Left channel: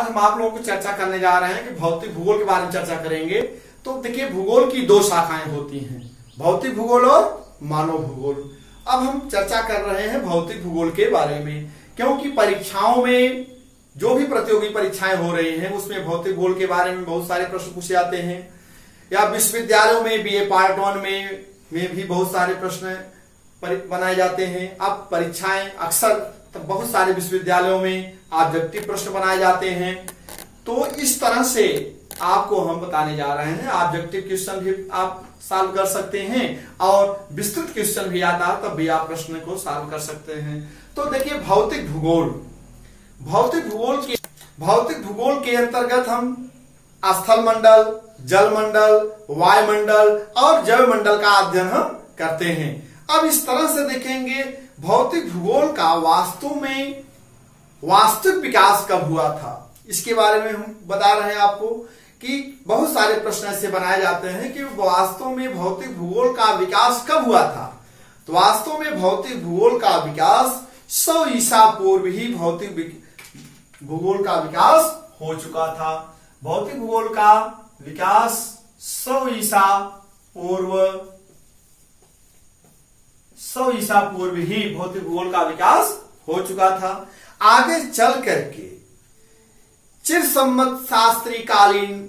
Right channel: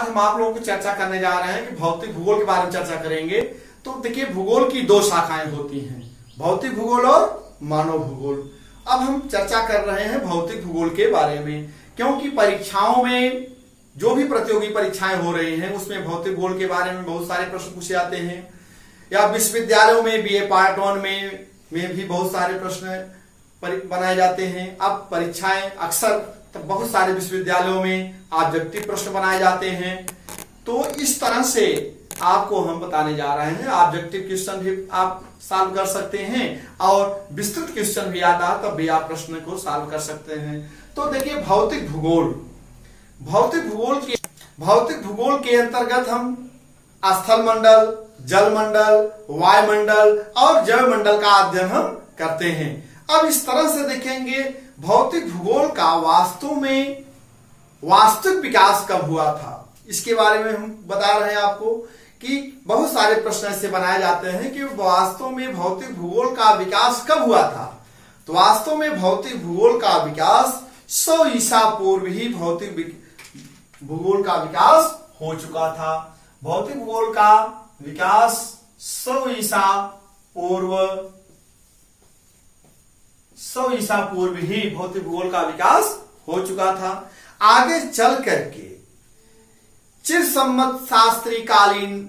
आज हम आप लोगों को चर्चा करने जा रहे हैं कि भौतिक भूगोल के बारे में चर्चा करेंगे। तो देखिए, भूगोल की दो शाखाएं होती हैं, भौतिक भूगोल और मानव भूगोल। अब हम चर्चा कर रहे हैं भौतिक भूगोल के बारे में, क्योंकि परीक्षाओं में जो भी प्रतियोगी परीक्षाएं हो रही हैं उसमें भौतिक भूगोल के बारे में बहुत सारे प्रश्न पूछे जाते हैं, या विश्वविद्यालयों में बीए पार्ट 1 में भी बहुत सारे प्रश्न बनाए जाते हैं। अब परीक्षाएं अक्सर बहुत सारे विश्वविद्यालयों में ऑब्जेक्टिव प्रश्न बनाए जाते हैं। तो इस तरह से आपको हम बताने जा रहे हैं, ऑब्जेक्टिव क्वेश्चन भी आप सॉल्व कर सकते हैं और विस्तृत क्वेश्चन भी आता है तब भी आप प्रश्न को सॉल्व कर सकते हैं। तो देखिए, भौतिक भूगोल के अंतर्गत हम स्थल मंडल, जल मंडल, वायुमंडल और जैव मंडल का अध्ययन हम करते हैं। अब इस तरह से देखेंगे भौतिक भूगोल का वास्तविक विकास कब हुआ था, इसके बारे में हम बता रहे हैं आपको कि बहुत सारे प्रश्न ऐसे बनाए जाते हैं कि वास्तव में भौतिक भूगोल का विकास कब हुआ था। तो वास्तव में भौतिक भूगोल का विकास 100 ईसा पूर्व ही भौतिक भूगोल का विकास हो चुका था। भौतिक भूगोल का विकास 100 ईसा पूर्व ही भौतिक भूगोल का विकास हो चुका था। आगे चल करके चिर सम्मत शास्त्री कालीन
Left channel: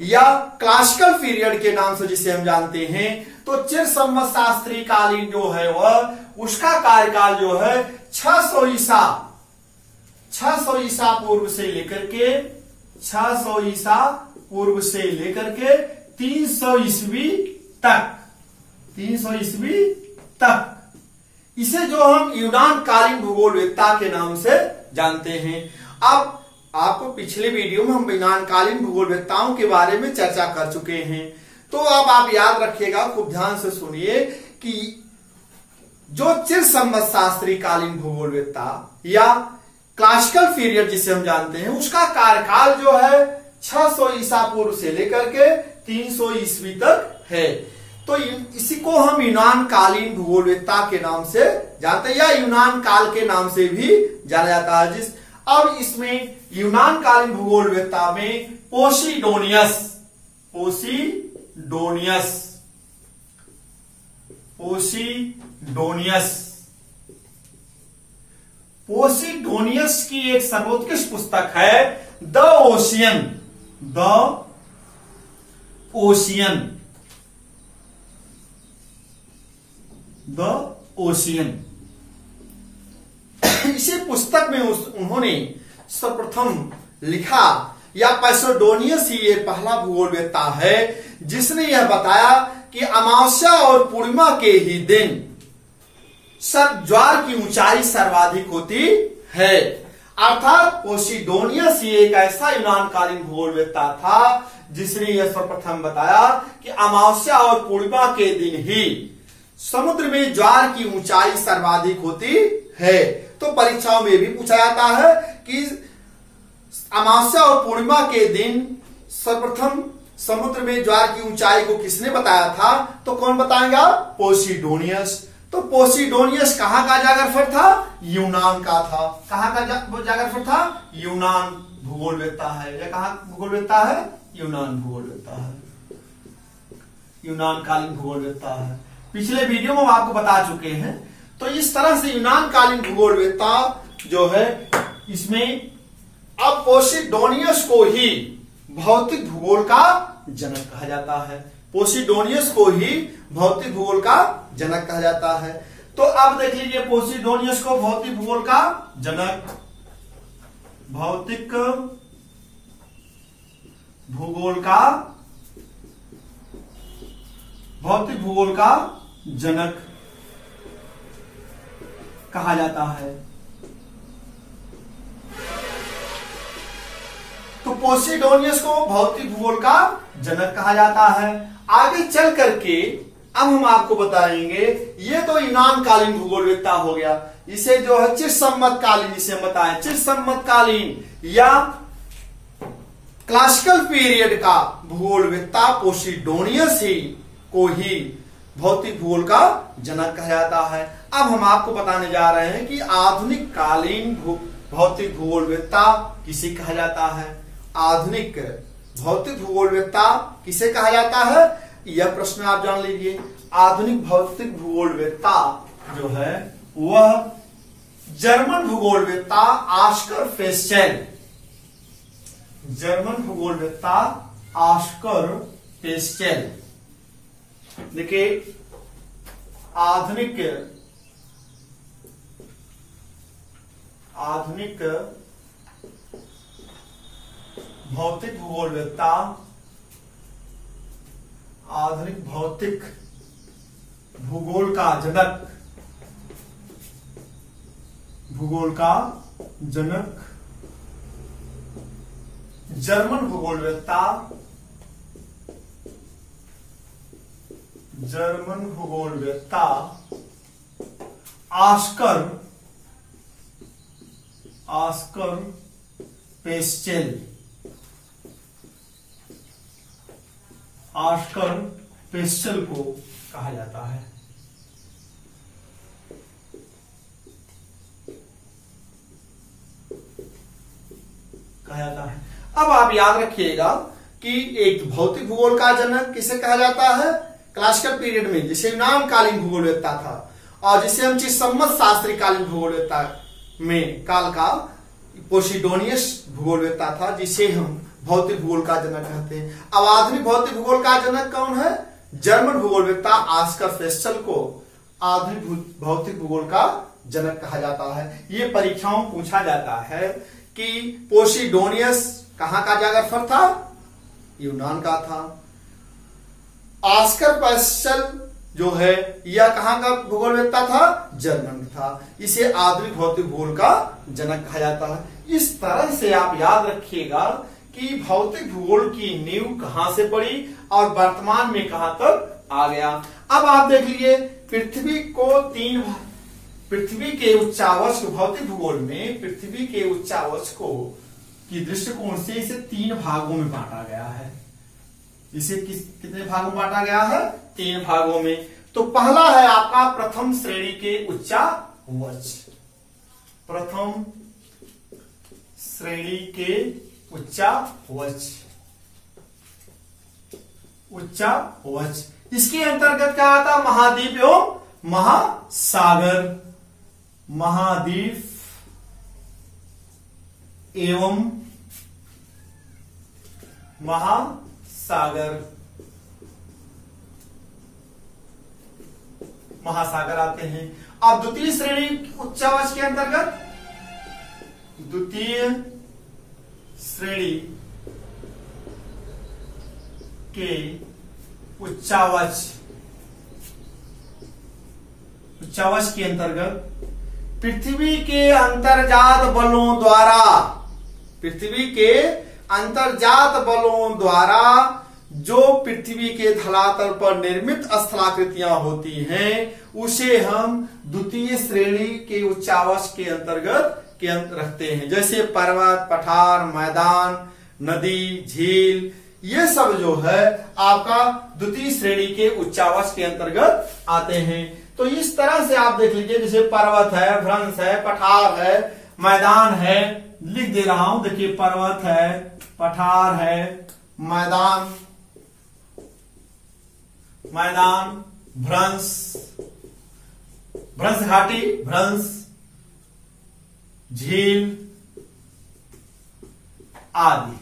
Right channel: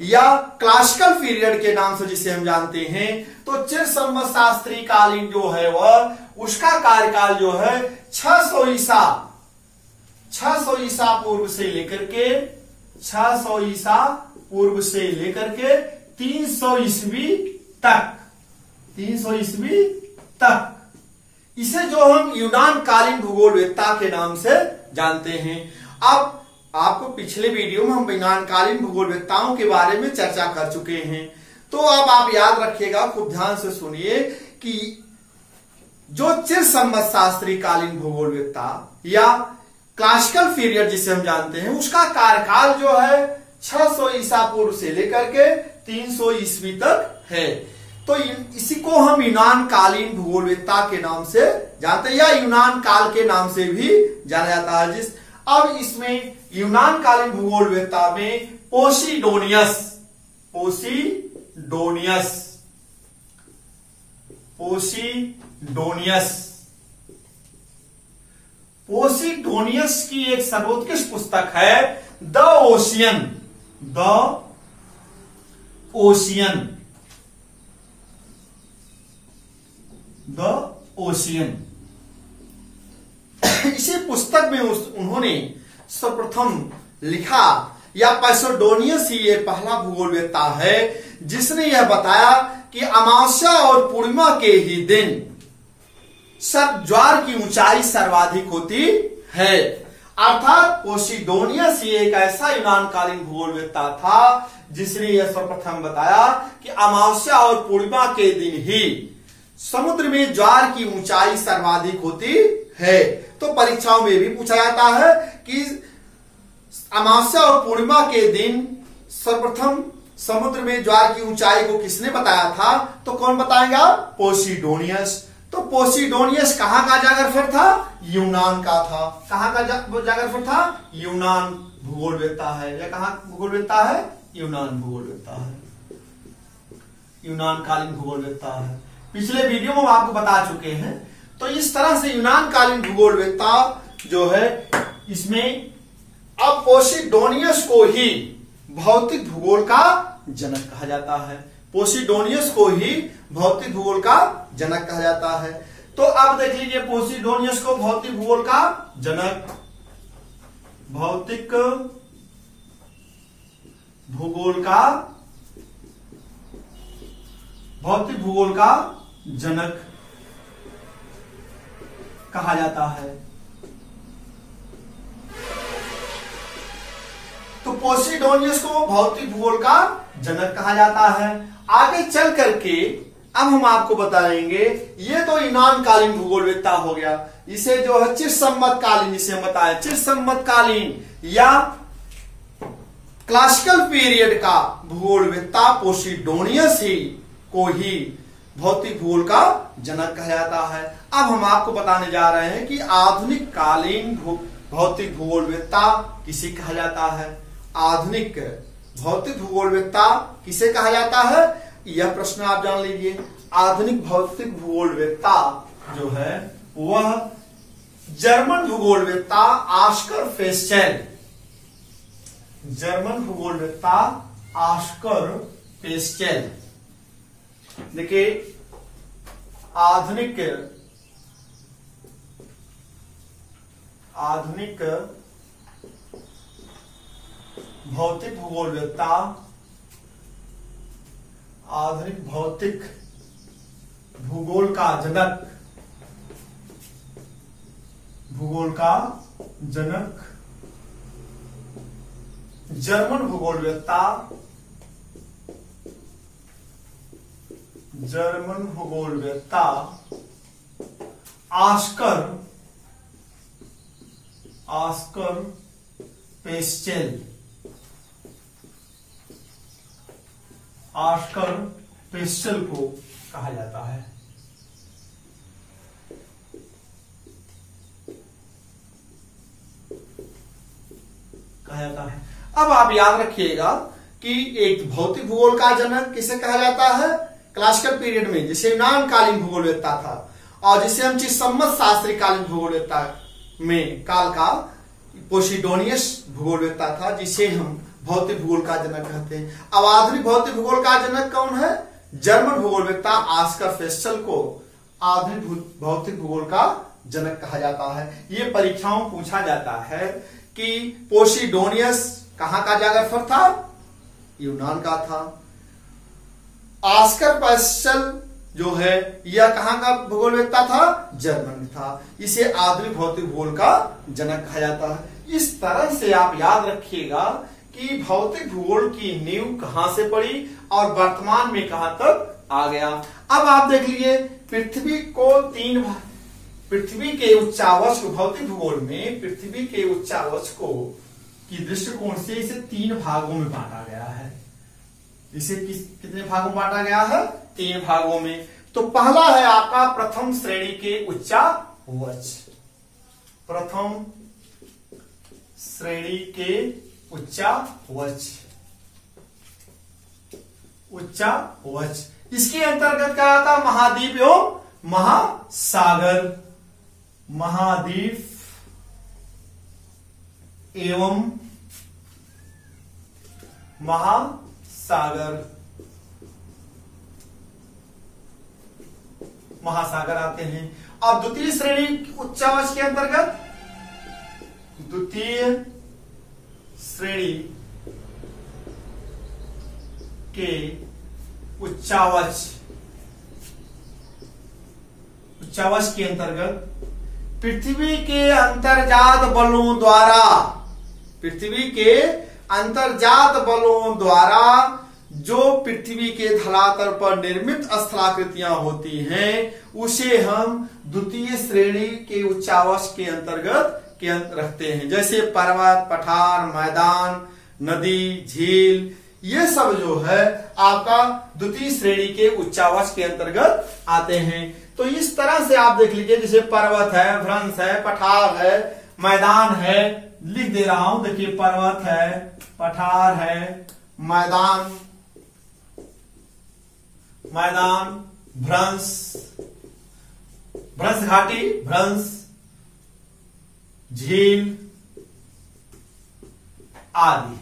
या क्लासिकल पीरियड के नाम से जिसे हम जानते हैं, तो चिर सम्मत शास्त्री कालीन जो है वह उसका कार्यकाल जो है 600 ईसा पूर्व से लेकर के 300 ईस्वी तक इसे जो हम यूनान कालीन भूगोलवेत्ता के नाम से जानते हैं। अब आपको पिछले वीडियो में हम यूनान कालीन भूगोलवेत्ताओं के बारे में चर्चा कर चुके हैं। तो अब आप याद रखिएगा, खूब ध्यान से सुनिए कि जो चिर सम्मत शास्त्री कालीन भूगोलवेत्ता या क्लासिकल पीरियड जिसे हम जानते हैं उसका कार्यकाल जो है 600 ईसा पूर्व से लेकर के 300 ईस्वी तक है। तो इसी को हम यूनान कालीन भूगोलवेत्ता के नाम से जानते हैं या यूनान काल के नाम से भी जाना जाता है। अब इसमें यूनान कालीन भूगोलवेत्ता में पोसीडोनियस की एक सर्वोत्कृष्ट पुस्तक है द ओशियन। इसी पुस्तक में उन्होंने सर्वप्रथम लिखा, या पोसीडोनियस ही ये पहला भूगोलवेत्ता है जिसने यह बताया कि अमावस्या और पूर्णिमा के ही दिन ज्वार की ऊंचाई सर्वाधिक होती है। अर्थात पोसीडोनियस ये एक ऐसा यूनान कालीन भूगोलवेत्ता था जिसने यह सर्वप्रथम बताया कि अमावस्या और पूर्णिमा के दिन ही समुद्र में ज्वार की ऊंचाई सर्वाधिक होती है। तो परीक्षाओं में भी पूछा जाता है कि अमावस्या और पूर्णिमा के दिन सर्वप्रथम समुद्र में ज्वार की ऊंचाई को किसने बताया था, तो कौन बताएगा, पोसीडोनियस। तो पोसीडोनियस कहां का जागरफर था, यूनान का था। कहां का जागरफर था, यूनान भूगोलवेत्ता है। या कहां भूगोलवेत्ता है, यूनान भूगोलवेत्ता है, यूनान कालीन भूगोलवेत्ता है। पिछले वीडियो में हम आपको बता चुके हैं। तो इस तरह से यूनान कालीन भूगोलवेत्ता जो है, इसमें अब पोसीडोनियस को ही भौतिक भूगोल का जनक कहा जाता है। पोसीडोनियस को ही भौतिक भूगोल का जनक कहा जाता है। तो अब देख लीजिए, पोसीडोनियस को भौतिक भूगोल का जनक, भौतिक भूगोल का जनक कहा जाता है। तो पोसीडोनियस को भौतिक भूगोल का जनक कहा जाता है। आगे चल करके अब हम आपको बताएंगे, ये तो यूनान कालीन भूगोलवेत्ता हो गया। इसे जो है चिर सम्मत कालीन, इसे हम बताएं चिर सम्मत कालीन या क्लासिकल पीरियड का भूगोलवेत्ता पोसीडोनियस ही को ही भौतिक भूगोल का जनक कहा जाता है। अब हम आपको बताने जा रहे हैं कि आधुनिक कालीन भौतिक भूगोलवेत्ता किसे कहा जाता है? आधुनिक भौतिक भूगोलवेत्ता किसे कहा जाता है? यह प्रश्न आप जान लीजिए। आधुनिक भौतिक भूगोलवेत्ता जो है वह जर्मन भूगोलवेत्ता ऑस्कर फेस्टेल, जर्मन भूगोलवेत्ता ऑस्कर फेस्टेल। देखिए आधुनिक भौतिक भूगोलवेत्ता, आधुनिक भौतिक भूगोल का जनक, भूगोल का जनक जर्मन भूगोलवेत्ता, जर्मन भूगोलवेत्ता ऑस्कर पेस्टेल, ऑस्कर पेस्टेल को कहा जाता है। अब आप याद रखिएगा कि एक भौतिक भूगोल का जनक किसे कहा जाता है? क्लासिकल पीरियड में जिसे यूनान कालीन भूगोलवेत्ता था, और जिसे हम चिसम्मत शास्त्री कालीन भूगोलवेत्ता में काल का पोसिडोनियस भूगोलवेत्ता था, जिसे हम भौतिक भूगोल का जनक कहते हैं। अब आधुनिक भौतिक भूगोल का जनक कौन है? जर्मन भूगोलवेत्ता ऑस्कर फेस्टेल को आधुनिक भौतिक भूगोल का जनक कहा जाता है। ये परीक्षाओं पूछा जाता है कि पोसिडोनियस कहां का जागरफर था? यूनान का था। ऑस्कर पेस्टेल जो है यह कहां का भूगोलवेत्ता था? जर्मन था। इसे आधुनिक भौतिक भूगोल का जनक कहा जाता है। इस तरह से आप याद रखिएगा कि भौतिक भूगोल की नींव कहां से पड़ी और वर्तमान में कहां तक आ गया। अब आप देख लीजिए पृथ्वी के उच्चावच को, भौतिक भूगोल में पृथ्वी के उच्चावच को की दृष्टिकोण से इसे 3 भागों में बांटा गया है। इसे कितने भागों में बांटा गया है? 3 भागों में। तो पहला है आपका प्रथम श्रेणी के उच्चावच, प्रथम श्रेणी के उच्चावच, उच्चावच। इसके अंतर्गत क्या आता? महाद्वीप एवं महासागर, महाद्वीप एवं महासागर, महासागर आते हैं। अब द्वितीय श्रेणी उच्चावच के अंतर्गत, द्वितीय श्रेणी के उच्चावच के अंतर्गत पृथ्वी के अंतर्जात बलों द्वारा, पृथ्वी के अंतर्जात बलों द्वारा जो पृथ्वी के धरातल पर निर्मित स्थलाकृतियां होती हैं उसे हम द्वितीय श्रेणी के उच्चावच के अंतर्गत रखते हैं। जैसे पर्वत, पठार, मैदान, नदी, झील, ये सब जो है आपका द्वितीय श्रेणी के उच्चावच के अंतर्गत आते हैं। तो इस तरह से आप देख लीजिए, जैसे पर्वत है, भ्रंश है, पठार है, मैदान है, लिख दे रहा हूं। देखिए पर्वत है, पठार है, मैदान, भ्रंश, भ्रंश घाटी, भ्रंश, झील आदि।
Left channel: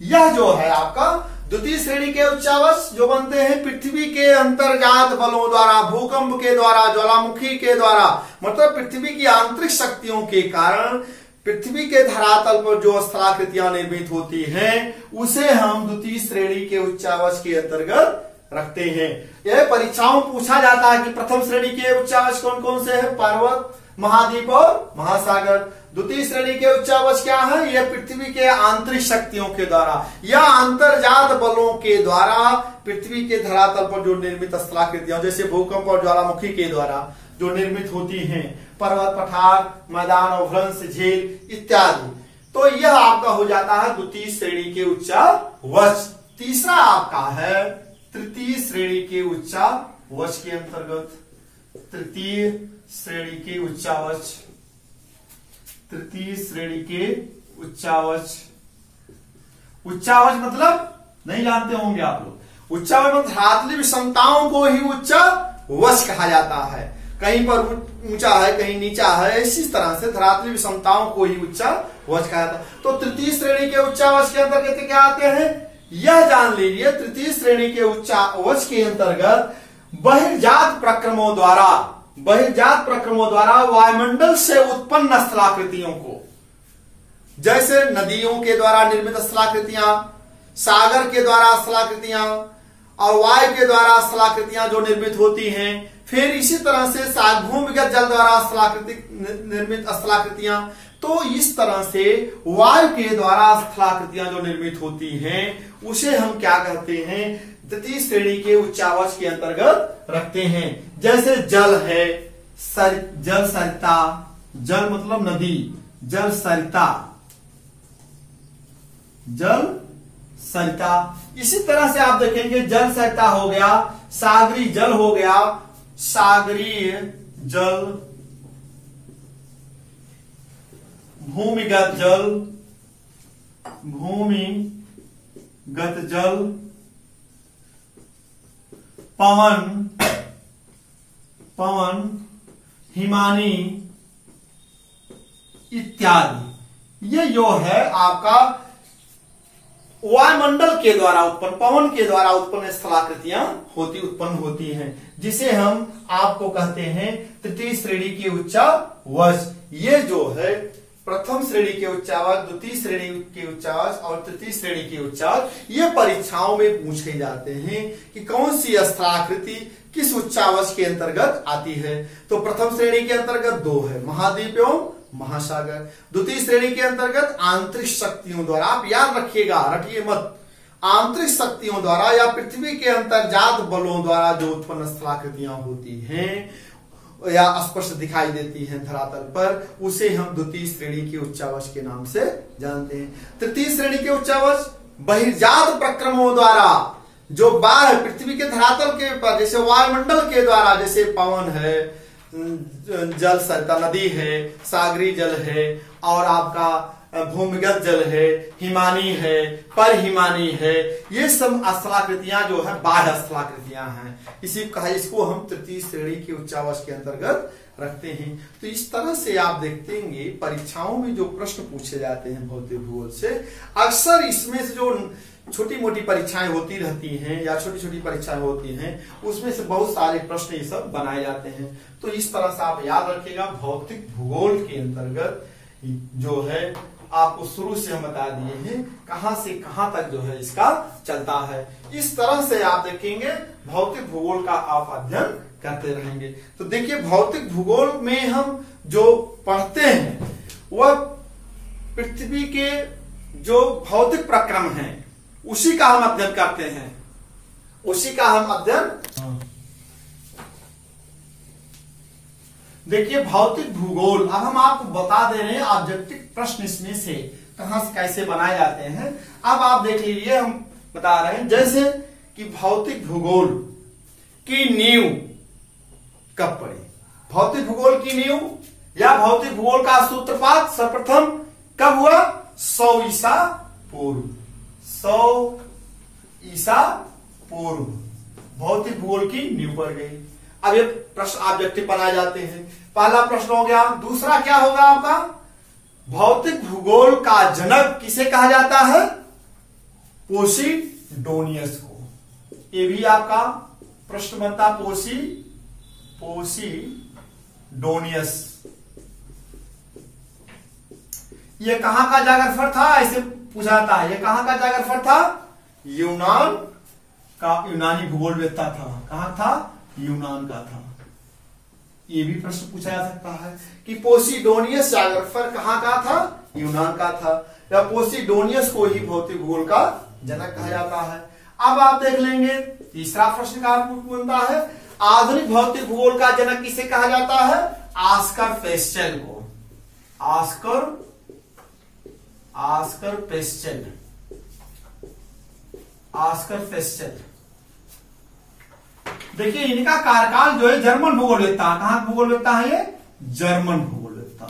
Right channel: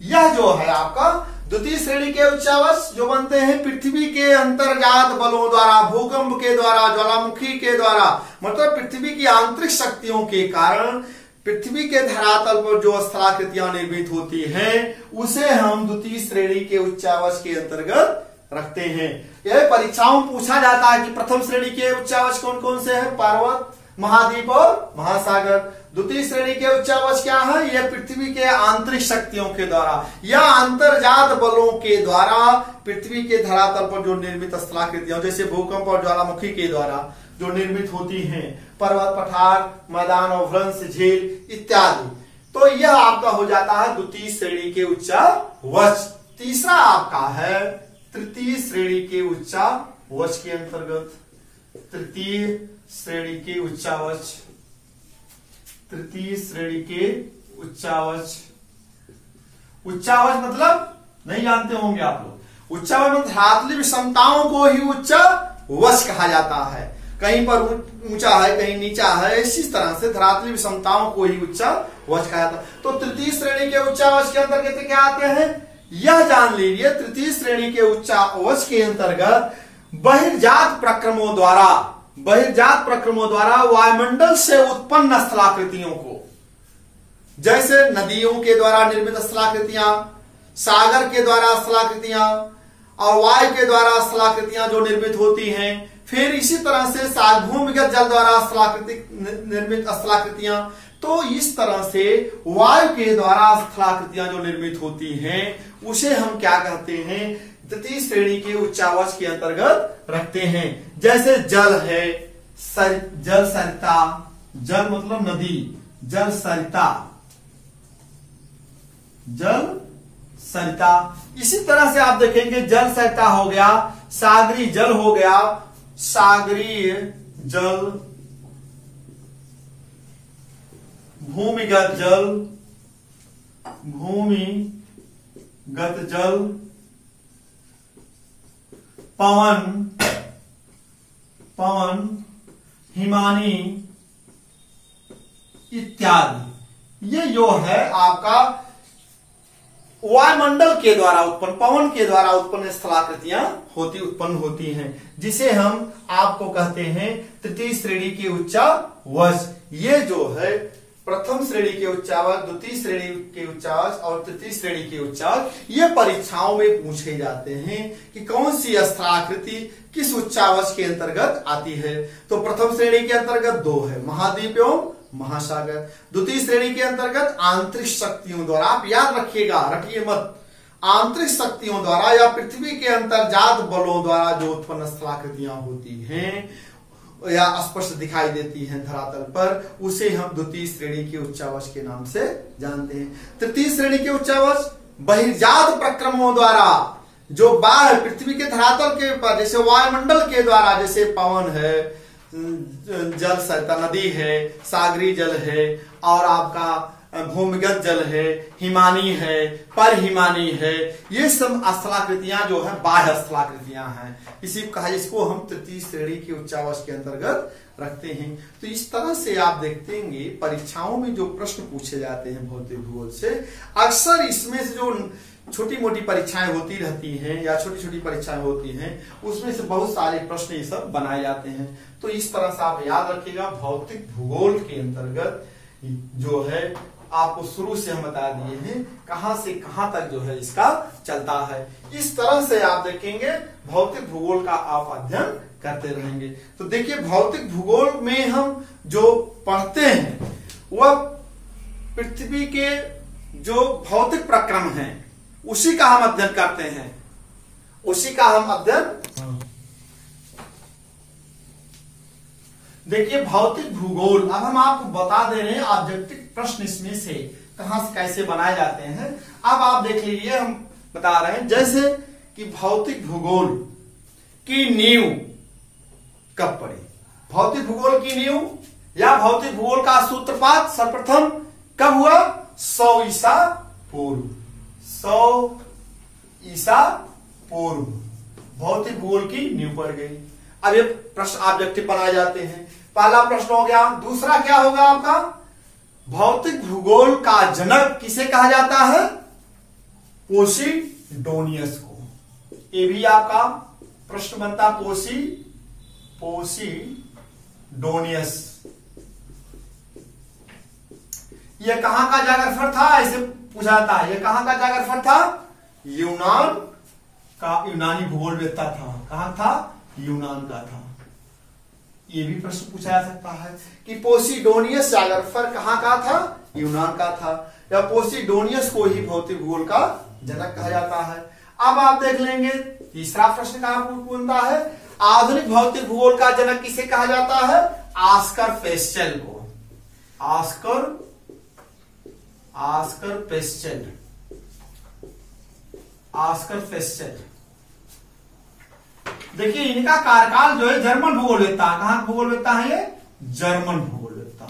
यह जो है आपका द्वितीय श्रेणी के उच्चावच जो बनते हैं पृथ्वी के अंतर्जात बलों द्वारा, भूकंप के द्वारा, ज्वालामुखी के द्वारा, मतलब पृथ्वी की आंतरिक शक्तियों के कारण पृथ्वी के धरातल पर जो स्थलाकृतियां निर्मित होती हैं उसे हम द्वितीय श्रेणी के उच्चावच के अंतर्गत रखते हैं। यह परीक्षाओं में पूछा जाता है कि प्रथम श्रेणी के उच्चावच कौन कौन से हैं? पर्वत, महाद्वीप और महासागर। द्वितीय श्रेणी के उच्चावच क्या है? यह पृथ्वी के आंतरिक शक्तियों के द्वारा या अंतर्जात बलों के द्वारा पृथ्वी के धरातल पर जो निर्मित स्थलाकृतियां जैसे भूकंप और ज्वालामुखी के द्वारा जो निर्मित होती हैं, पर्वत, पठार, मैदान और भ्रंश, झील इत्यादि। तो यह आपका हो जाता है द्वितीय श्रेणी के उच्चावच। तीसरा आपका है तृतीय श्रेणी के उच्चावच के अंतर्गत, तृतीय श्रेणी के उच्चावच तृतीय श्रेणी के उच्चावच। उच्चावच मतलब नहीं जानते होंगे आप लोग। उच्चावच मतलब धरातली विषमताओं को ही उच्चावच कहा जाता है। कहीं पर ऊंचा है, कहीं नीचा है, इसी तरह से धरातली विषमताओं को ही उच्चावच कहा जाता है। तो तृतीय श्रेणी के उच्चावच के अंतर्गत क्या आते हैं, यह जान लीजिए। तृतीय श्रेणी के उच्चावच के अंतर्गत बहिर्जात प्रक्रमों द्वारा वायुमंडल से उत्पन्न स्थलाकृतियों को, जैसे नदियों के द्वारा निर्मित स्थलाकृतियां, सागर के द्वारा स्थलाकृतियां और वायु के द्वारा स्थलाकृतियां जो निर्मित होती हैं, फिर इसी तरह से भूमिगत जल द्वारा निर्मित स्थलाकृतियां, तो इस तरह से वायु के द्वारा स्थलाकृतियां जो निर्मित होती हैं उसे हम क्या कहते हैं, तृतीय श्रेणी के उच्चावच के अंतर्गत रखते हैं। जैसे जल है, जल सरिता, जल मतलब नदी, जल सरिता, जल सरिता। इसी तरह से आप देखेंगे जल सरिता हो गया, सागरी जल हो गया, सागरीय जल, भूमिगत जल, भूमिगत जल, पवन, पवन, हिमानी इत्यादि। ये जो है आपका वायुमंडल के द्वारा उत्पन्न, पवन के द्वारा उत्पन्न स्थलाकृतियां उत्पन्न होती हैं, जिसे हम आपको कहते हैं तृतीय श्रेणी के उच्चावच। ये जो है प्रथम श्रेणी के उच्चावच, द्वितीय श्रेणी के उच्चावच और तृतीय श्रेणी के उच्चावच, ये परीक्षाओं में पूछे जाते हैं कि कौन सी स्थलाकृति किस उच्चावच के अंतर्गत आती है। तो प्रथम श्रेणी के अंतर्गत दो है, महाद्वीप एवं महासागर। द्वितीय श्रेणी के अंतर्गत आंतरिक शक्तियों द्वारा, आप याद रखिएगा, रटिए मत, आंतरिक शक्तियों द्वारा या पृथ्वी के अंतर्जात बलों द्वारा जो उत्पन्न स्थलाकृतियां होती हैं या स्पष्ट दिखाई देती हैं धरातल पर, उसे हम द्वितीय श्रेणी के उच्चावच के नाम से जानते हैं। तृतीय श्रेणी के उच्चावच बहिर्जात प्रक्रमों द्वारा, जो बाहर पृथ्वी के धरातल के ऊपर, जैसे वायुमंडल के द्वारा, जैसे पवन है, जल सरिता नदी है, सागरी जल है और आपका भूमिगत जल है, हिमानी है, परहिमानी है, ये सब स्थलाकृतियां जो है बाह्य स्थलाकृतियां हैं। इसको हम तृतीय श्रेणी के उच्चावच के अंतर्गत रखते हैं। तो इस तरह से आप देखेंगे परीक्षाओं में जो प्रश्न पूछे जाते हैं भौतिक भूगोल से, अक्सर इसमें से जो छोटी मोटी परीक्षाएं होती रहती हैं या छोटी छोटी परीक्षाएं होती हैं, उसमें से बहुत सारे प्रश्न ये सब बनाए जाते हैं। तो इस तरह से आप याद रखिएगा, भौतिक भूगोल के अंतर्गत जो है आपको शुरू से हम बता दिए हैं कहां से कहां तक जो है इसका चलता है। इस तरह से आप देखेंगे भौतिक भूगोल का आप अध्ययन करते रहेंगे। तो देखिए भौतिक भूगोल में हम जो पढ़ते हैं वह पृथ्वी के जो भौतिक प्रक्रम हैं उसी का हम अध्ययन करते हैं, उसी का हम अध्ययन। देखिए भौतिक भूगोल, अब हम आपको बता दे रहे हैं ऑब्जेक्टिव प्रश्न इसमें से कहां से कैसे बनाए जाते हैं। अब आप देख लीजिए, हम बता रहे हैं जैसे कि भौतिक भूगोल की नींव कब पड़ी। भौतिक भूगोल की नींव या भौतिक भूगोल का सूत्रपात सर्वप्रथम कब हुआ? 100 ईसा पूर्व। 100 ईसा पूर्व भौतिक भूगोल की नींव पड़ गई। अब ये प्रश्न ऑब्जेक्टिव बनाए जाते हैं। पहला प्रश्न हो गया। दूसरा क्या होगा आपका? भौतिक भूगोल का जनक किसे कहा जाता है? पोसिडोनियस को। ये भी आपका प्रश्न बनता, पोसिडोनियस। ये कहां का जागरफर था? ऐसे पूछा जाता है, ये कहां का जागरफर था? यूनान का, यूनानी भूगोलवेत्ता था। कहां था? यूनान का था। ये भी प्रश्न पूछा जा सकता है कि पोसिडोनियस जागरफर कहां का था? यूनान का था। या पोसिडोनियस को ही भौतिक भूगोल का जनक कहा जाता है। अब आप देख लेंगे तीसरा प्रश्न का बनता है, आधुनिक भौतिक भूगोल का जनक किसे कहा जाता है? ऑस्कर पेस्टेल को। Oscar pastel. देखिए इनका कार्यकाल जो है जर्मन भूगोलवेत्ता, कहां भूगोलवेत्ता है ये? जर्मन भूगोलवेत्ता।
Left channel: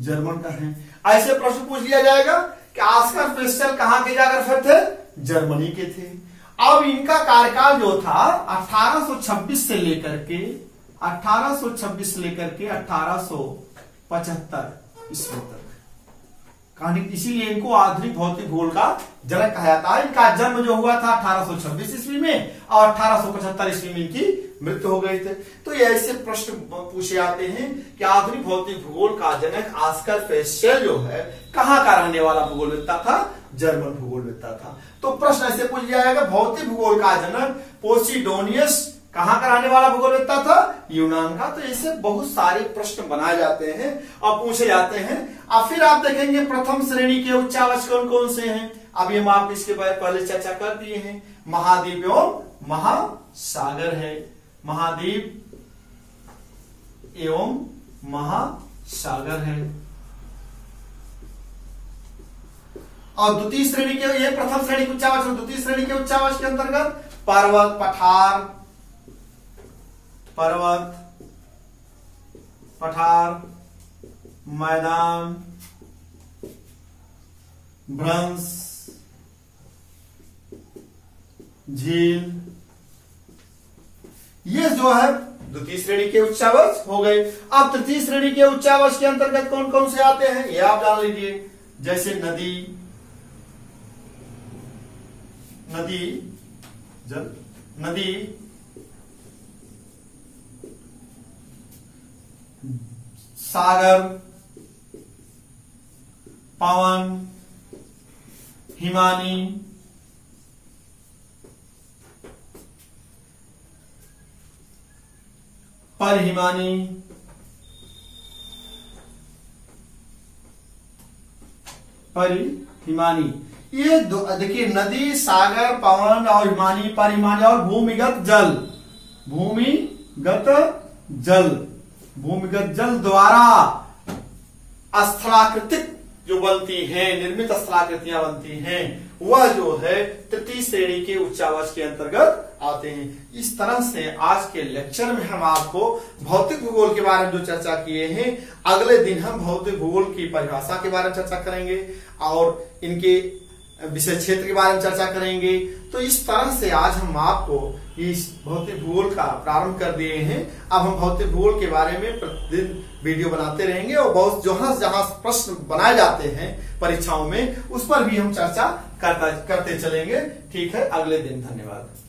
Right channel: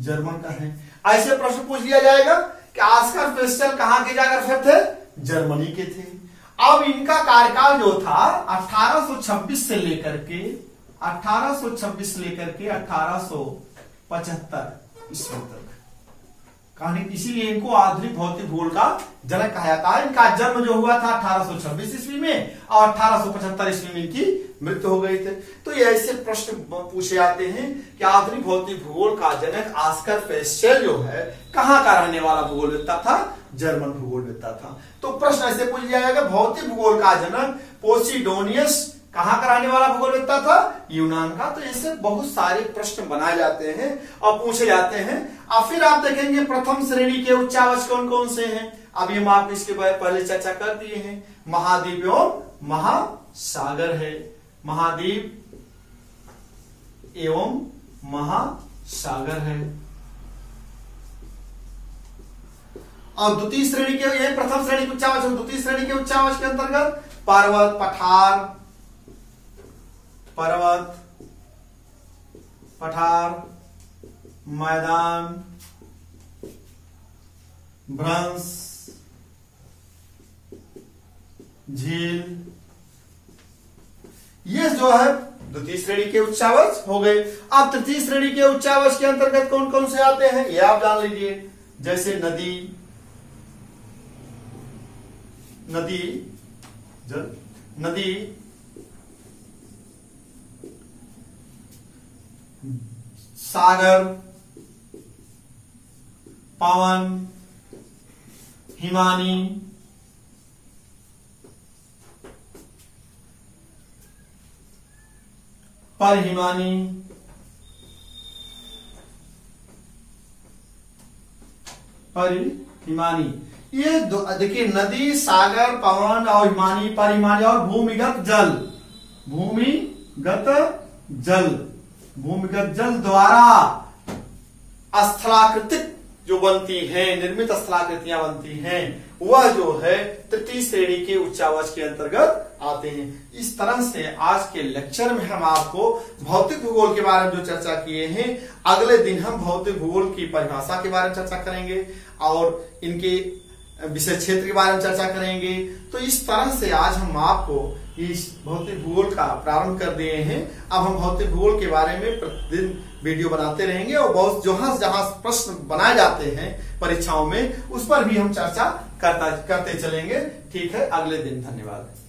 जर्मन का है। ऐसे प्रश्न पूछ लिया जाएगा कि ऑस्कर फेस्टल कहाँ के जाकर थे? जर्मनी के थे। अब इनका कार्यकाल जो था 1826 से लेकर के 1875 ईस्वी तक, कहानी इसीलिए इनको आधुनिक भौतिक भूगोल का जनक कहा जाता है। इनका जन्म जो हुआ था 1826 ईस्वी में और 1875 ईस्वी में इनकी मृत्यु हो गई थे। तो ये ऐसे प्रश्न पूछे जाते हैं कि आधुनिक भौतिक भूगोल का जनक ऑस्कर फेस्टल जो है कहाँ का रहने वाला भूगोलवेत्ता था? जर्मन भूगोलवेत्ता था। तो प्रश्न ऐसे पूछ लिया जाएगा, भौतिक भूगोल का जनक पोसिडोनियस कहाँ का रहने वाला भूगोलवेत्ता था? यूनान का। तो ऐसे बहुत सारे प्रश्न बनाए जाते हैं और पूछे जाते हैं। अब फिर आप देखेंगे प्रथम श्रेणी के उच्चावच कौन कौन से हैं। अभी हम आप इसके बारे पहले चर्चा कर दिए हैं। महाद्वीप एवं महासागर है, महाद्वीप एवं महासागर है। और द्वितीय श्रेणी के, ये प्रथम श्रेणी के उच्चावच, द्वितीय श्रेणी के उच्चावच के अंतर्गत पर्वत, पठार, मैदान, भ्रंश, झील, ये जो है द्वितीय श्रेणी के उच्चावच हो गए। अब तृतीय श्रेणी के उच्चावच के अंतर्गत कौन कौन से आते हैं ये आप जान लीजिए। जैसे नदी, सागर, पवन, हिमानी, परिहिमानी, ये देखिए नदी, सागर, पवन और हिमानी, परिहिमानी और भूमिगत जल द्वारा स्थलाकृतिक जो बनती हैं, निर्मित स्थलाकृतियां बनती हैं, वह जो है तृतीय श्रेणी के उच्चावच के अंतर्गत आते हैं। इस तरह से आज के लेक्चर में हम आपको भौतिक भूगोल के बारे में जो चर्चा किए हैं, अगले दिन हम भौतिक भूगोल की परिभाषा के बारे में चर्चा करेंगे और इनके विषय क्षेत्र के बारे में चर्चा करेंगे। तो इस तरह से आज हम आपको इस भौतिक भूगोल का प्रारंभ कर दिए हैं। अब हम भौतिक भूगोल के बारे में प्रतिदिन वीडियो बनाते रहेंगे और बहुत जहां प्रश्न बनाए जाते हैं परीक्षाओं में, उस पर भी हम चर्चा करते चलेंगे। ठीक है, अगले दिन। धन्यवाद।